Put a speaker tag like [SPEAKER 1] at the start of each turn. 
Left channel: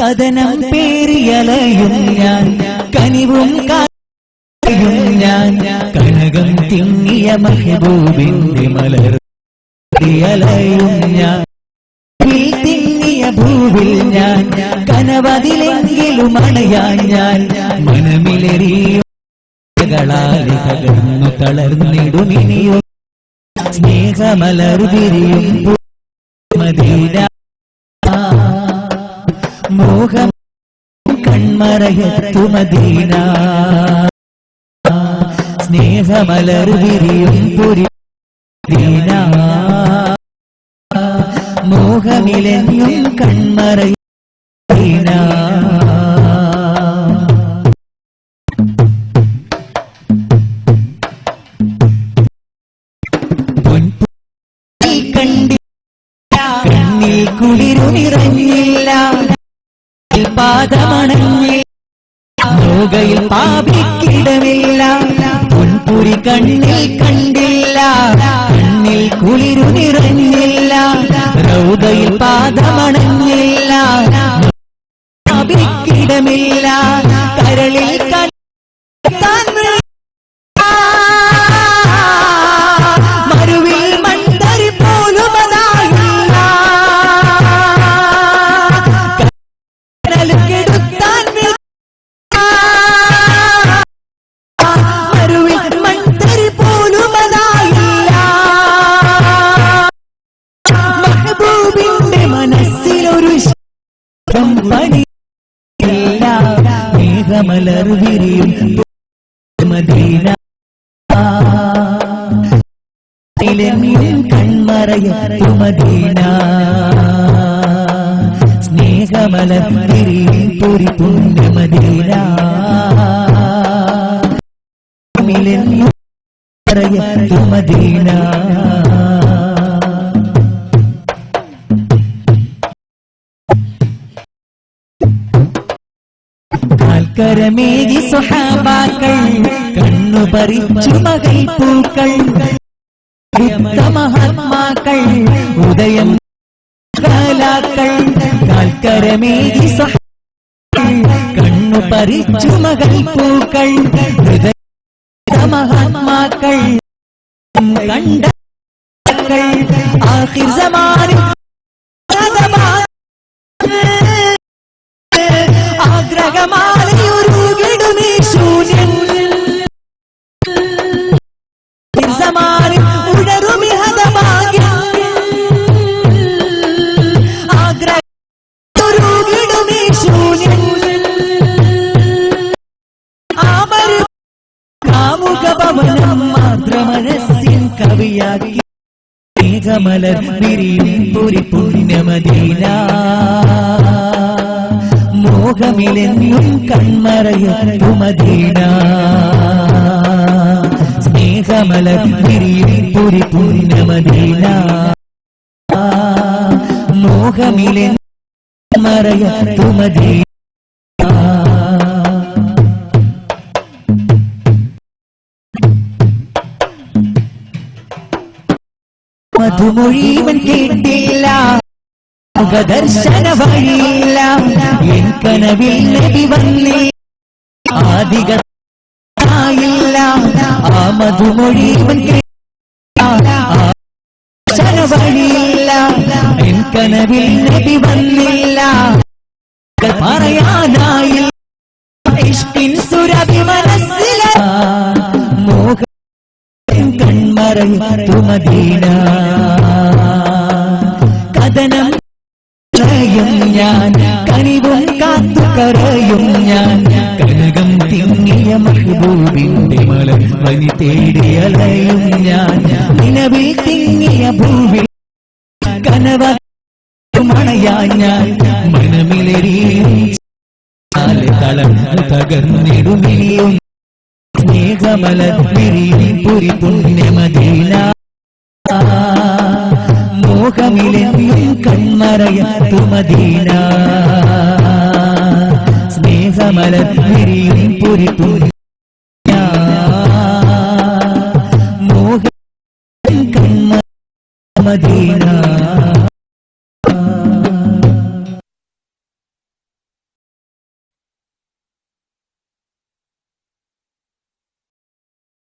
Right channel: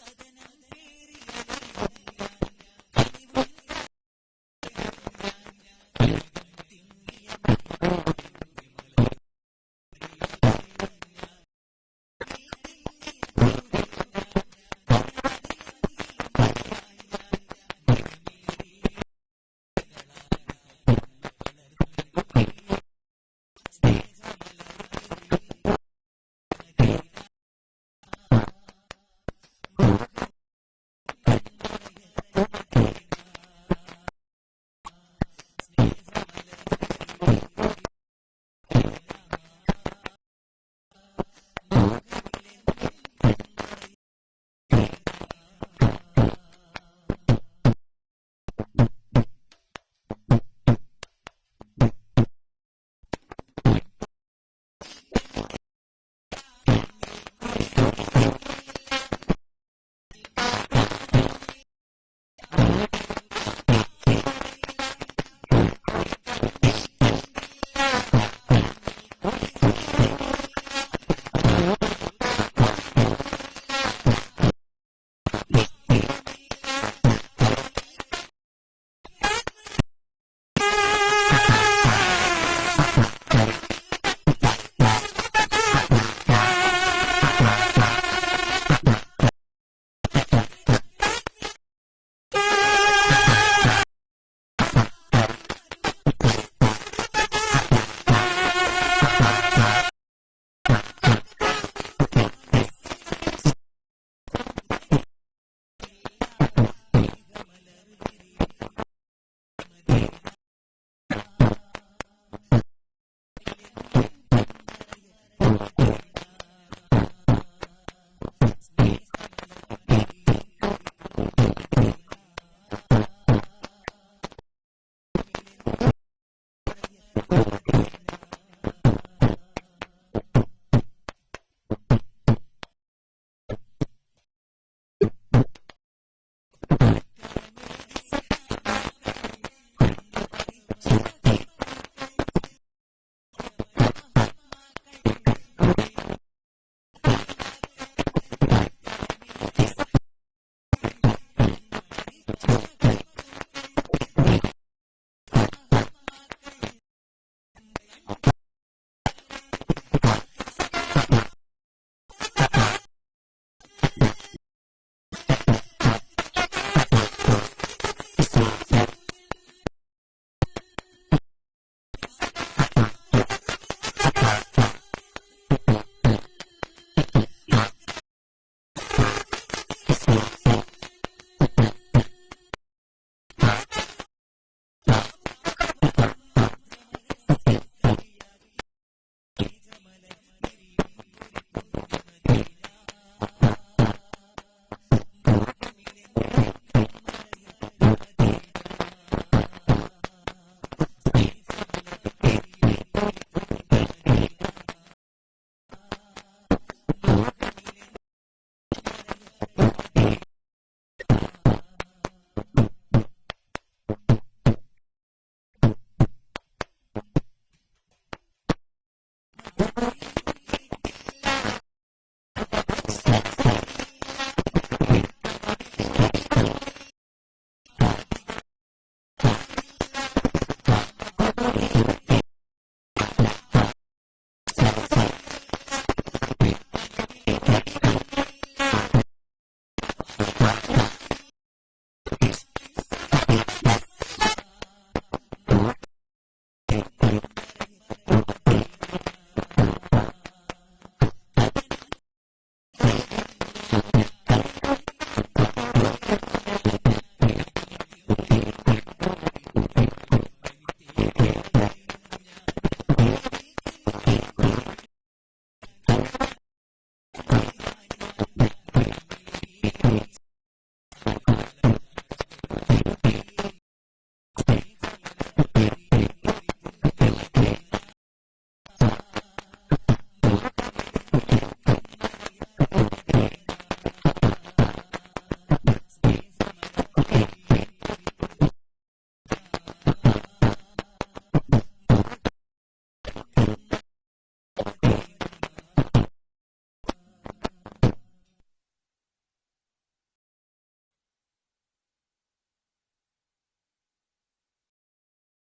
[SPEAKER 1] കഥനം പേരിയലയും ഞാൻ കനിവും കായും ഞാൻ. കനകം തിങ്ങിയ മെഹബൂബിന്റെ മലർ അലയും ഞാൻ. തിങ്ങിയ ഭൂവിൽ ഞാൻ കനവതിലെങ്കിലും അണയാൻ ഞാൻ. മനമിലെറിയും കളാലി തകർന്നു തളർന്നിടുമിനിയോ സ്നേഹമലർ വിരിയും കൺമറയത്തു മദീന. സ്നേഹമലർ വിരിയും പുരി ദീന കണ്ണിൽ കുളിരു നിറഞ്ഞില്ല. പാദമണഞ്ഞില്ല നോകയിൽ പാപിക്കിടമില്ല. പൊൻപുരി കണ്ണിൽ കണ്ടില്ല. കണ്ണിൽ കുളിരു നിറഞ്ഞില്ല. റൗദയിൽ പാദമണഞ്ഞില്ല. പാപിക്കിടമില്ല. കരളിൽ കണ്ടാൻ ശബ്ദം പണിയില്ല മേഘമലർ വിരിയും മദീന കൺമറയത്തു മദീന സ്നേഹമലർ വിരിയും പുരി ഇലമിയും കൺമറയത്തു മദീന. കാൽക്കരമേകി സുഹാബാക്കൾ കണ്ണു പറിച്ചു മകൾ പൂക്കൾ മഹാത്മാക്കൾ ഉദയം കാലാക്കൾ കാൽക്കരമേകി സുഹാബാക്കൾ കണ്ണു പറിച്ചു മകൾ പൂക്കൾ ഹൃദയ മഹാത്മാക്കൾ കണ്ട ആഹിർ സമാനിൽ മേഘമലർ വിരിയും പുരി പുണ്യമദീന മോഹമിലെന്നും കൺമറയത്തു സ്നേഹമല വിരിയും പുരി പുണ്യമദീന മോഹമിലെന്നും മറയത്തു മദീന മധുമൊഴിവൻ കേട്ടില്ല. മുഖദർശന വഴിയില്ല എൻ കനവിൽ നബി വന്നേ. ആദികായില്ല ആ മധുമൊഴിവൻ കേട്ടില്ല. വഴിയില്ല എൻ കനവിൽ നബി വന്നില്ല. പറയാനായില്ല കൺമറയത്തു മദീന കഥനം കരയും ഞാൻ കനിവും കാത്തു കരയും ഞാൻ. കനകം തിങ്ങിയ മഹബൂബിന്റെ മലർ വനി തേടിയലയും ഞാൻ. നിലവിൽ തിങ്ങിയ ഭൂവിൽ കനവ മണയാ ഞാൻ. മനമിലെറിയും തളർന്നു തകർന്നിടുമിനിയും സ്നേഹമല വിരിയും പുരി പുണ്യമദീന മോഹമിലെന്നും കൺമറയത്തു മദീന. സ്നേഹമലർ വിരിയും പുരി പുണ്യ മോഹം കൺമ മദീന.